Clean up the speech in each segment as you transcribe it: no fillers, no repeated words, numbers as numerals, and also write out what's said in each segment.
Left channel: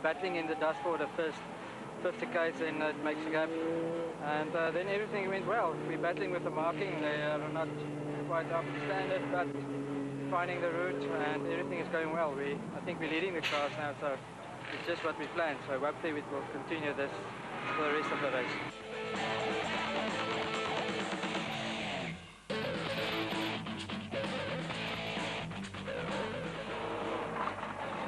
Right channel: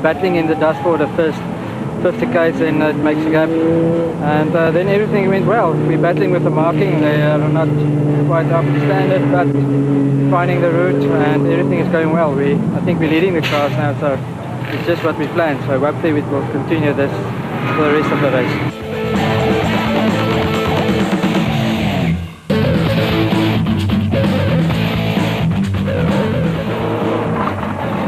battling in the dust for the first 50 k's, then it makes a gap, and then everything went well. We're battling with the marking, they are not quite up to standard, but finding the route and everything is going well. I think we're leading the class now, so it's just what we planned, so hopefully we will continue this for the rest of the race.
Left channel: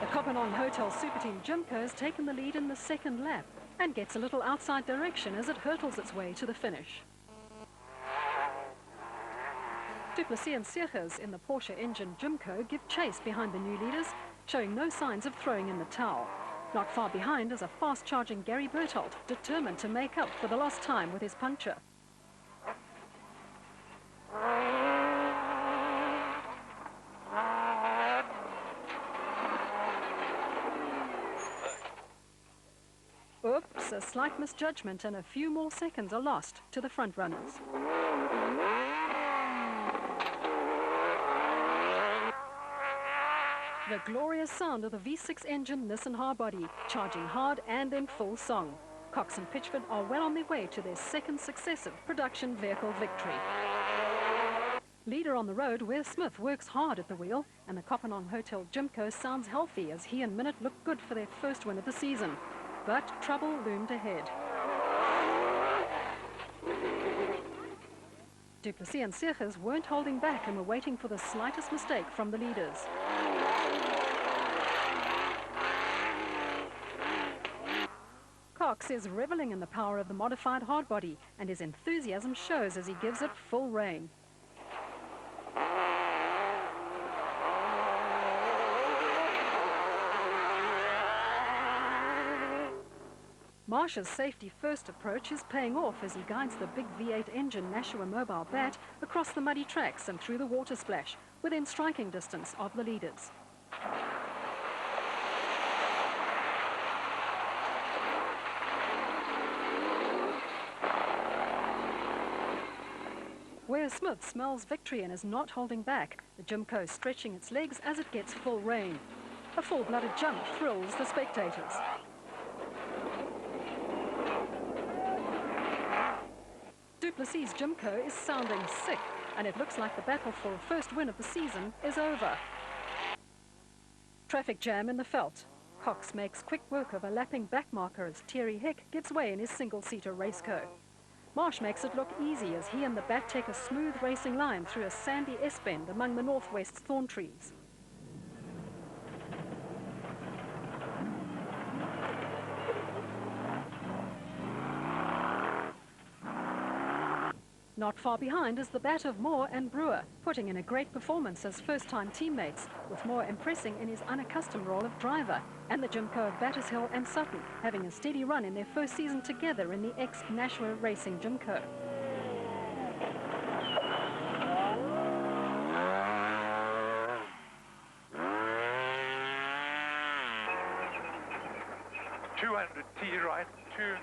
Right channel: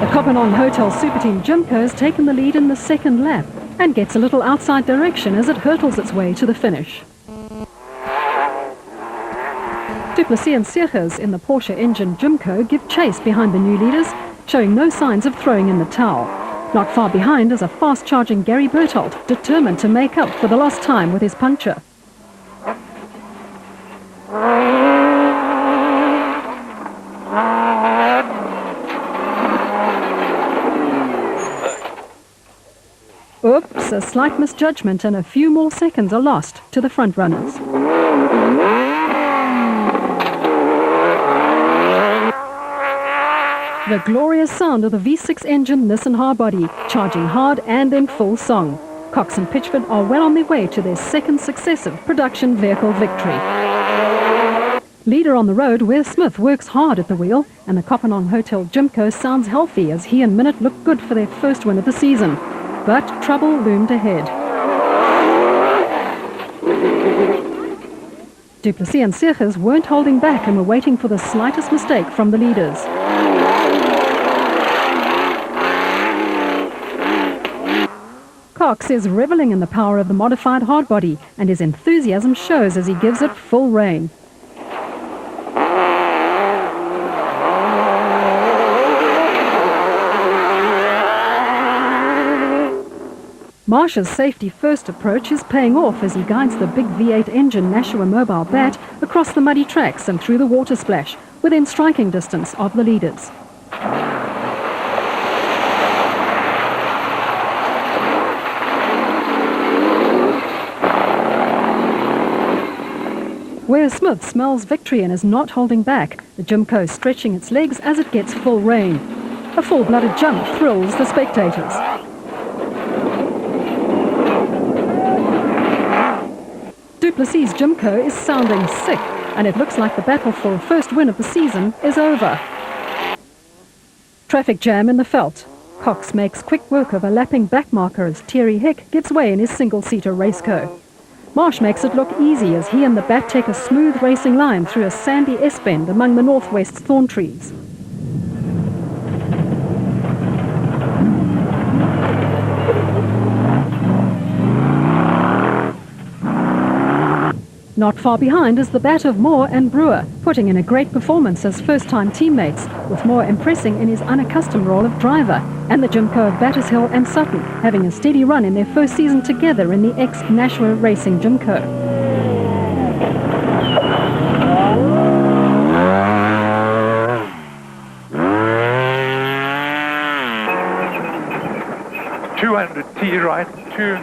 The Kopanong Hotel Super Team Jimco has taken the lead in the second lap and gets a little outside direction as it hurtles its way to the finish. Du Plessis and Seegers in the Porsche engine Jimco give chase behind the new leaders, showing no signs of throwing in the towel. Not far behind is a fast-charging Gary Berthold, determined to make up for the lost time with his puncture. Oops, a slight misjudgment and a few more seconds are lost to the front runners. The glorious sound of the V6 engine Nissan hardbody, charging hard and in full song. Cox and Pitchford are well on their way to their second successive production vehicle victory. Leader on the road, Wes Smith works hard at the wheel, and the Kopanong Hotel Jimco sounds healthy as he and Minute look good for their first win of the season. But trouble loomed ahead. Du Plessis and Seegers weren't holding back and were waiting for the slightest mistake from the leaders. Cox is reveling in the power of the modified hardbody, and his enthusiasm shows as he gives it full rein. Marsh's safety-first approach is paying off as he guides the big V8 engine Nashua Mobile Bat across the muddy tracks and through the water splash, within striking distance of the leaders. Wes Smith smells victory and is not holding back, the Jimco stretching its legs as it gets full rein. A full-blooded jump thrills the spectators. Du Plessis' Jimco is sounding sick, and it looks like the battle for a first win of the season is over. Traffic jam in the Veld. Cox makes quick work of a lapping backmarker as Thierry Hick gives way in his single-seater raceco. Marsh makes it look easy as he and the Bat take a smooth racing line through a sandy S-bend among the northwest thorn trees. Not far behind is the Bat of Moore and Brewer, putting in a great performance as first-time teammates, with Moore impressing in his unaccustomed role of driver, and the Jimco of Battershill and Sutton, having a steady run in their first season together in the ex-Nashua Racing Jimco. T right, 2.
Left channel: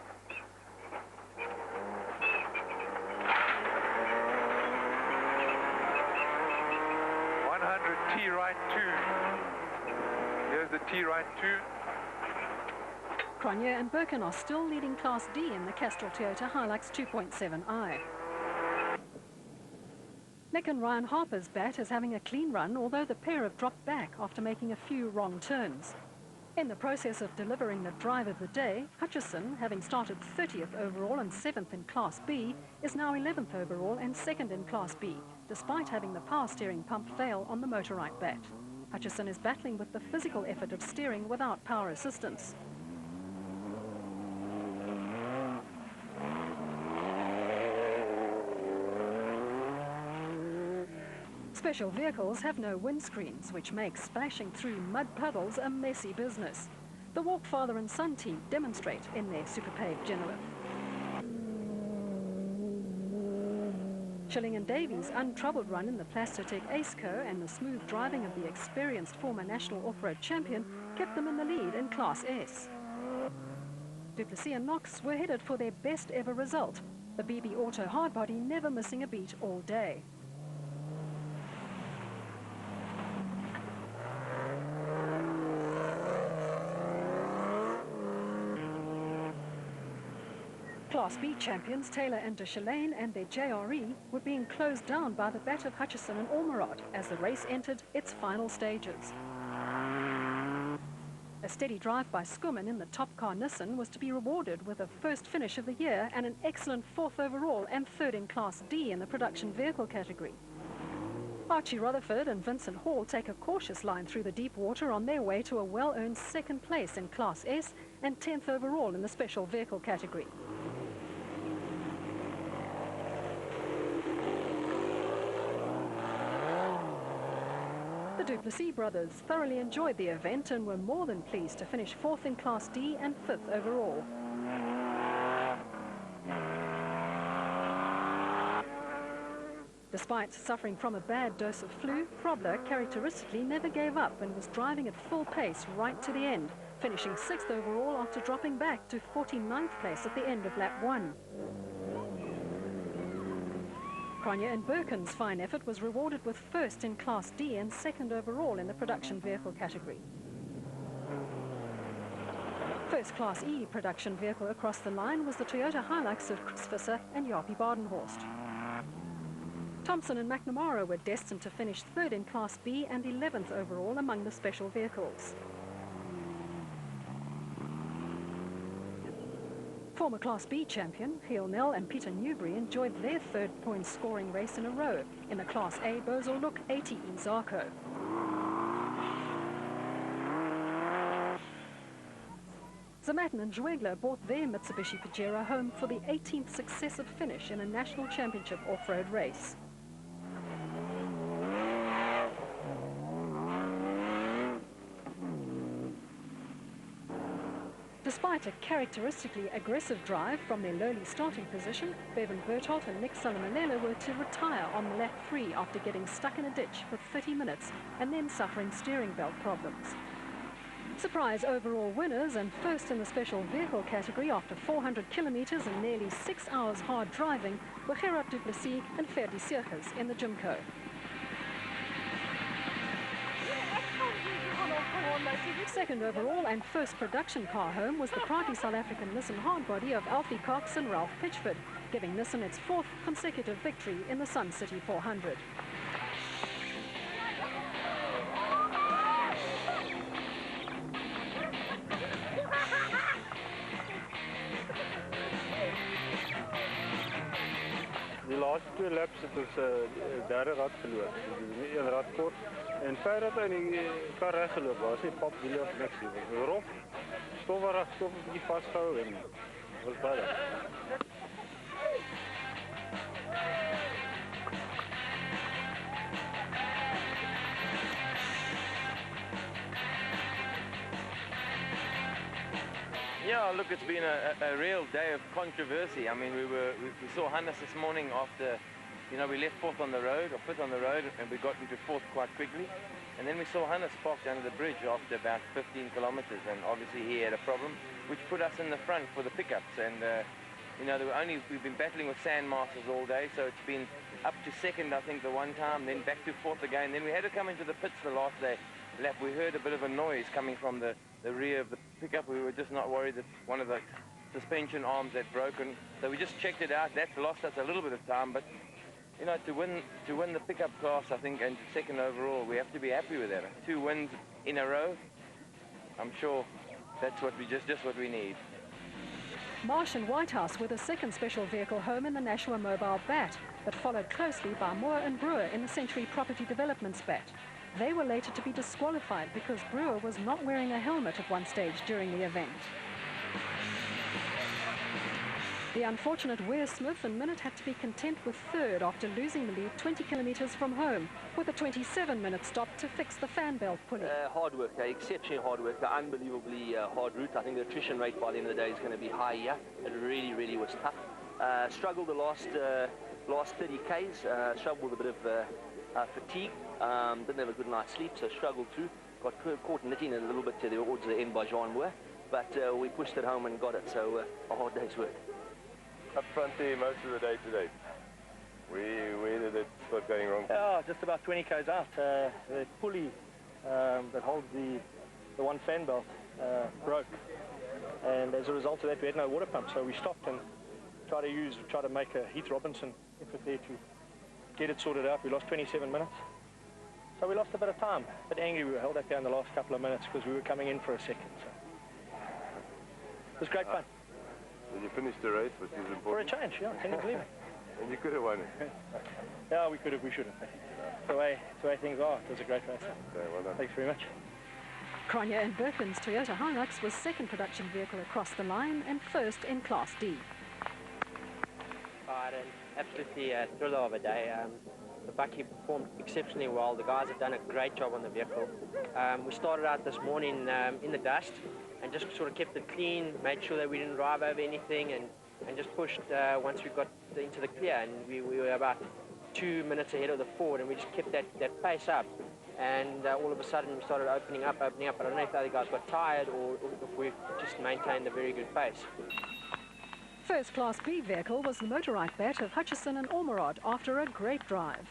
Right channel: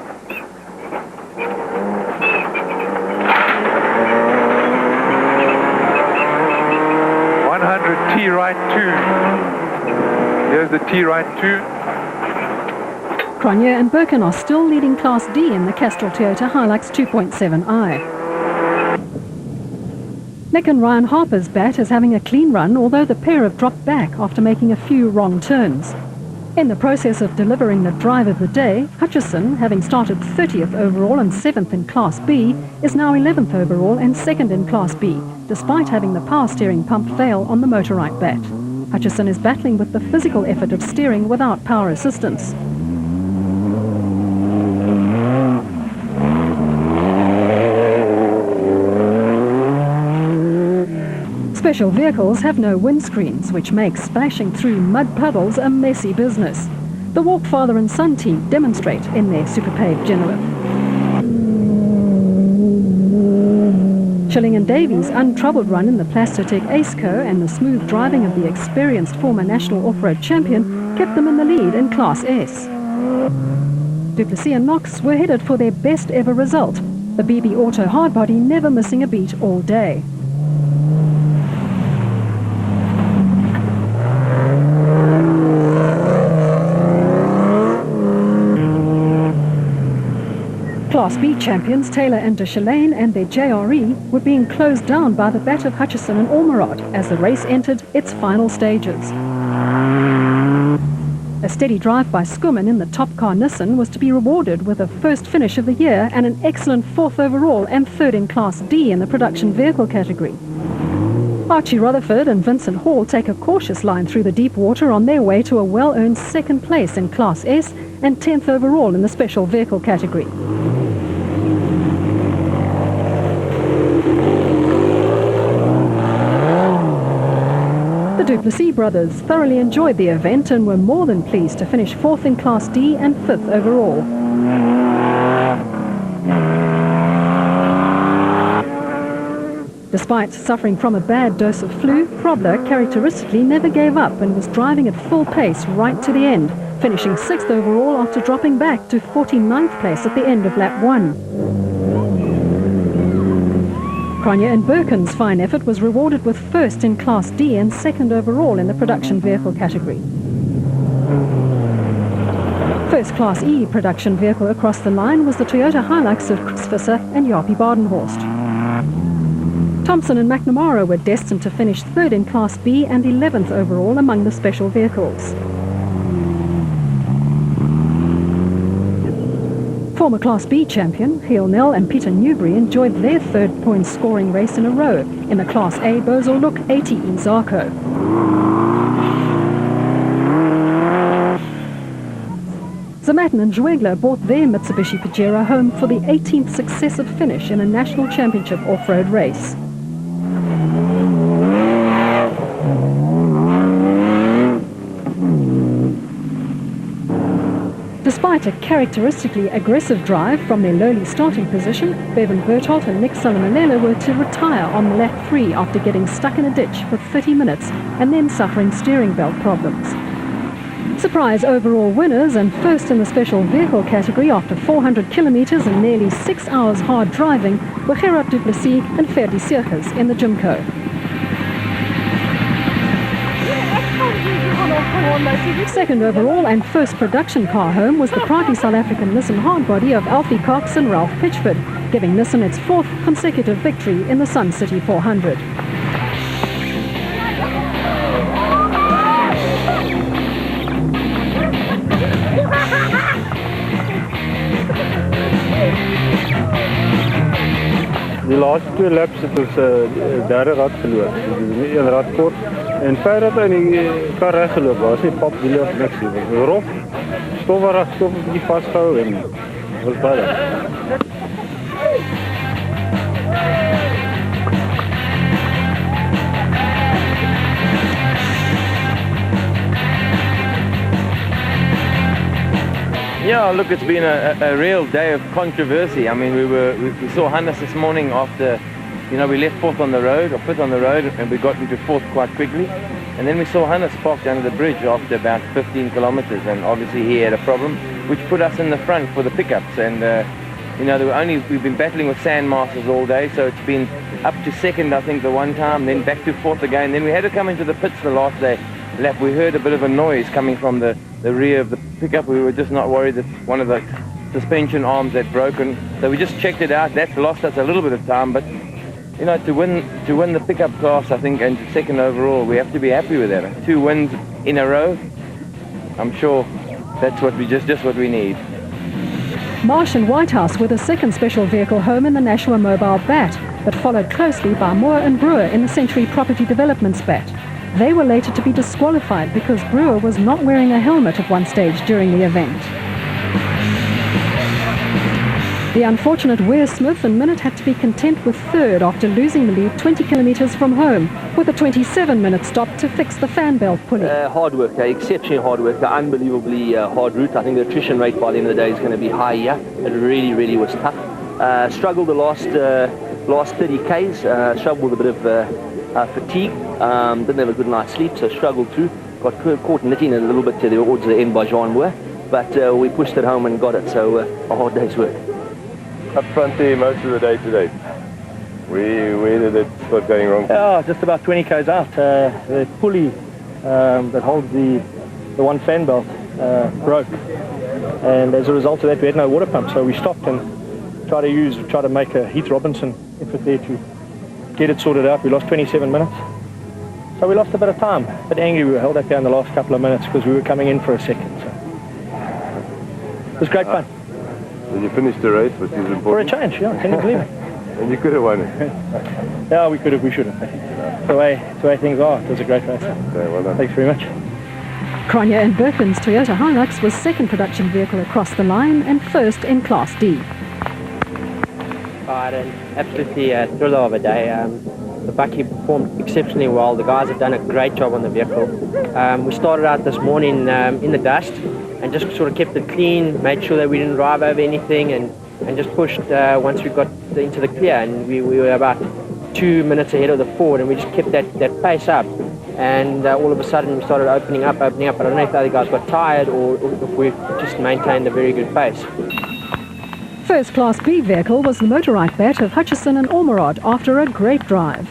100 T right 2. Here's the T right 2. Cronje and Birkin are still leading Class D in the Castrol Toyota Hilux 2.7i. Nick and Ryan Harper's Bat is having a clean run, although the pair have dropped back after making a few wrong turns. In the process of delivering the drive of the day, Hutchison, having started 30th overall and 7th in Class B, is now 11th overall and 2nd in Class B, despite having the power steering pump fail on the Motorite Bat. Hutchison is battling with the physical effort of steering without power assistance. Special vehicles have no windscreens, which makes splashing through mud puddles a messy business. The Walk father and son team demonstrate in their Superpave Genelith. Schilling and Davies' untroubled run in the Plastotech Aceco and the smooth driving of the experienced former national off-road champion kept them in the lead in Class S. Du Plessis and Knox were headed for their best ever result, the BB Auto hardbody never missing a beat all day. Class B champions Taylor and de Chalain and their JRE were being closed down by the bat of Hutchison and Ormerod as the race entered its final stages. A steady drive by Schoeman in the top car Nissan was to be rewarded with a first finish of the year and an excellent 4th overall and 3rd in Class D in the production vehicle category. Archie Rutherford and Vincent Hall take a cautious line through the deep water on their way to a well-earned 2nd place in Class S and 10th overall in the special vehicle category. The Duplessis brothers thoroughly enjoyed the event and were more than pleased to finish 4th in Class D and 5th overall. Despite suffering from a bad dose of flu, Frobler characteristically never gave up and was driving at full pace right to the end, finishing 6th overall after dropping back to 49th place at the end of lap 1. Cronje and Birkin's fine effort was rewarded with 1st in Class D and 2nd overall in the production vehicle category. First Class E production vehicle across the line was the Toyota Hilux of Chris Visser and Jaapie Badenhorst. Thompson and McNamara were destined to finish 3rd in Class B and 11th overall among the special vehicles. Former Class B champion Giel Nel and Peter Newbury enjoyed their 3rd point scoring race in a row in the Class A Bozell Look ATE Zarco. Zamatin and Zwegler brought their Mitsubishi Pajero home for the 18th successive finish in a national championship off-road race. Despite a characteristically aggressive drive from their lowly starting position, Bevan Berthold and Nick Salamalele were to retire on lap 3 after getting stuck in a ditch for 30 minutes and then suffering steering belt problems. Surprise overall winners and 1st in the special vehicle category after 400 kilometers and nearly 6 hours hard driving were Gerard Du Plessis and Ferdi Seegers in the Jimco. 2nd overall and 1st production car home was the proudly South African Nissan hardbody of Alfie Cox and Ralph Pitchford, giving Nissan its 4th consecutive victory in the Sun City 400. Die laaste 2 laps het ons derde rad verloor. Dus een rad kort. En 5 rad in die kar reggeloop. Daar was nie pap, wiele of niks. Het was rof, stof een beetje vastgehou en het was baie. Yeah, look, it's been a real day of controversy. I mean, we saw Hannes this morning after, you know, we left 4th on the road, or 5th on the road, and we got into 4th quite quickly. And then we saw Hannes parked under the bridge after about 15 kilometers, and obviously he had a problem, which put us in the front for the pickups. And, you know, we've been battling with sand masters all day, so it's been up to 2nd, I think, the one time, then back to 4th again. Then we had to come into the pits the last day. Lap, we heard a bit of a noise coming from the rear of the pickup. We were just not worried that one of the suspension arms had broken. So we just checked it out. That lost us a little bit of time, but you know, to win the pickup class, I think, and 2nd overall, we have to be happy with that. 2 wins in a row. I'm sure that's what just what we need. Marsh and Whitehouse were the 2nd special vehicle home in the Nashua Mobile BAT, but followed closely by Moore and Brewer in the Century Property Developments BAT. They were later to be disqualified because Brewer was not wearing a helmet at one stage during the event. The unfortunate Weir Smith and Minute had to be content with 3rd after losing the lead 20 kilometers from home, with a 27-minute stop to fix the fan belt pulley. Hard work, exceptionally hard work, unbelievably hard route. I think the attrition rate by the end of the day is going to be high here. It really was tough. Struggled the last 30 Ks, struggled with a bit of fatigue, didn't have a good night's sleep, so struggled through. Got caught knitting a little bit towards the end by Jean Moore, but we pushed it home and got it, so a hard day's work. Up front there most of the day today. Where did it start going wrong? Yeah, just about 20 k's out. The pulley that holds the one fan belt broke, and as a result of that we had no water pump, so we stopped and try to make a Heath Robinson effort there to get it sorted out. We lost 27 minutes. So we lost a bit of time. But angry, we were held up there in the last couple of minutes because we were coming in for a second. So it was great fun. And you finished the race, which is important. For a change, yeah, can you believe it? And you could have won it. Yeah, we could have, we should have. It's the way things are. It was a great race. Okay, well done. Thanks very much. Cronje and Birken's Toyota Hilux was second production vehicle across the line and first in Class D. I had an absolutely thriller of a day. The Bucky performed exceptionally well. The guys have done a great job on the vehicle. We started out this morning in the dust and just sort of kept it clean, made sure that we didn't drive over anything, and just pushed once we got into the clear. And we were about 2 minutes ahead of the Ford, and we just kept that pace up. And all of a sudden we started opening up. I don't know if the other guys got tired or if we just maintained a very good pace. First Class B vehicle was the motorized bat of Hutchison and Ormerod after a great drive.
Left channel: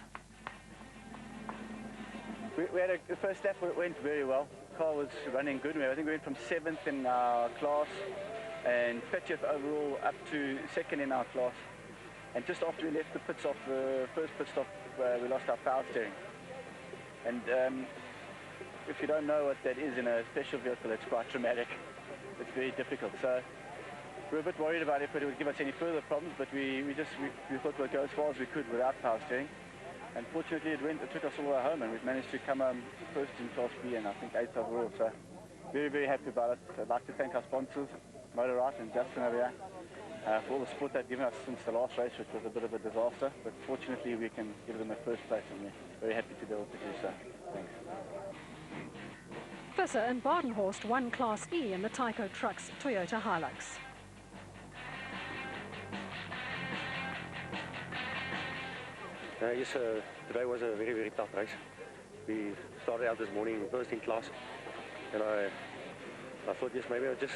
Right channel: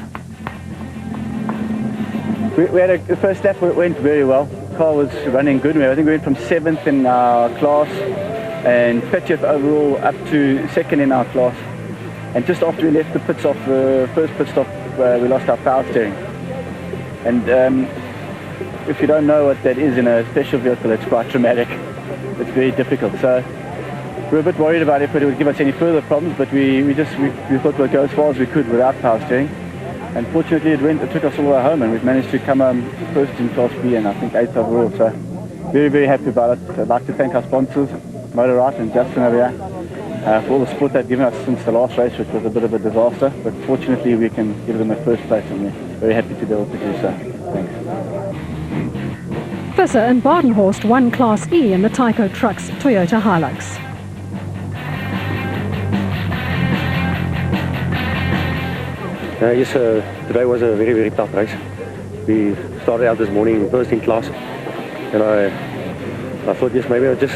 We had the first lap went very well. The car was running good. I think we went from 7th in our class and 30th overall up to 2nd in our class. And just after we left the pits off the first pit stop, we lost our power steering. And if you don't know what that is in a special vehicle, it's quite traumatic. It's very difficult. So we were a bit worried about if it would give us any further problems, but we thought we'd go as far as we could without power steering. And fortunately it took us all the way home, and we've managed to come first in Class B and I think 8th overall. So very, very happy about it. I'd like to thank our sponsors, Motorite and Justin over here, for all the support they've given us since the last race, which was a bit of a disaster. But fortunately we can give them a first place, and we're very happy to be able to do so. Thanks. Visser and Badenhorst won Class E in the Tyco Trucks Toyota Hilux. Yes, today was a very, very tough race. We started out this morning first in class, and I thought, yes, maybe I'll just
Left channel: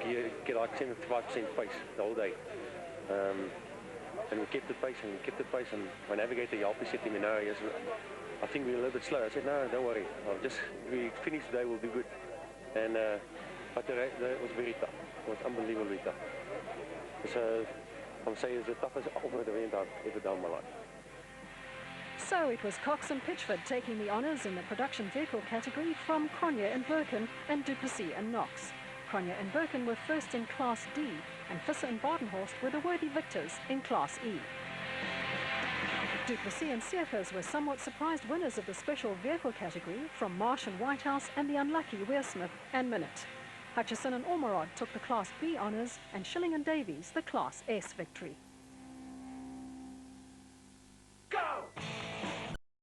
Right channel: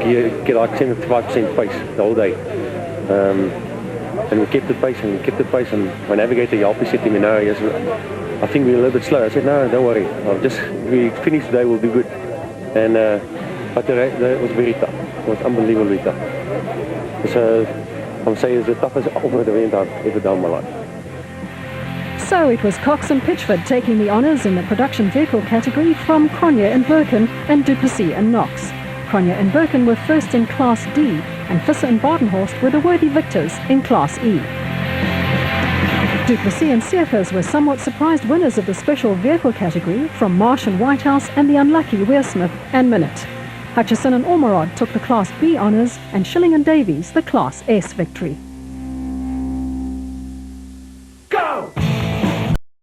get like 75% pace the whole day. And we kept the pace, and my navigator, Jalpi, said to me, no, yes, I think we're a little bit slow. I said, no, don't worry. We finish today, we'll be good. And but the race was very tough. It was unbelievably tough. So I'm saying it's the toughest off-road event I've ever done in my life. So it was Cox and Pitchford taking the honours in the production vehicle category from Cronje and Birken and Duplessis and Knox. Cronje and Birken were first in Class D, and Visser and Badenhorst were the worthy victors in Class E. Duplessis and Seekers were somewhat surprised winners of the special vehicle category from Marsh and Whitehouse and the unlucky Wearsmith and Minute. Hutchison and Ormerod took the Class B honours and Schilling and Davies the Class S victory.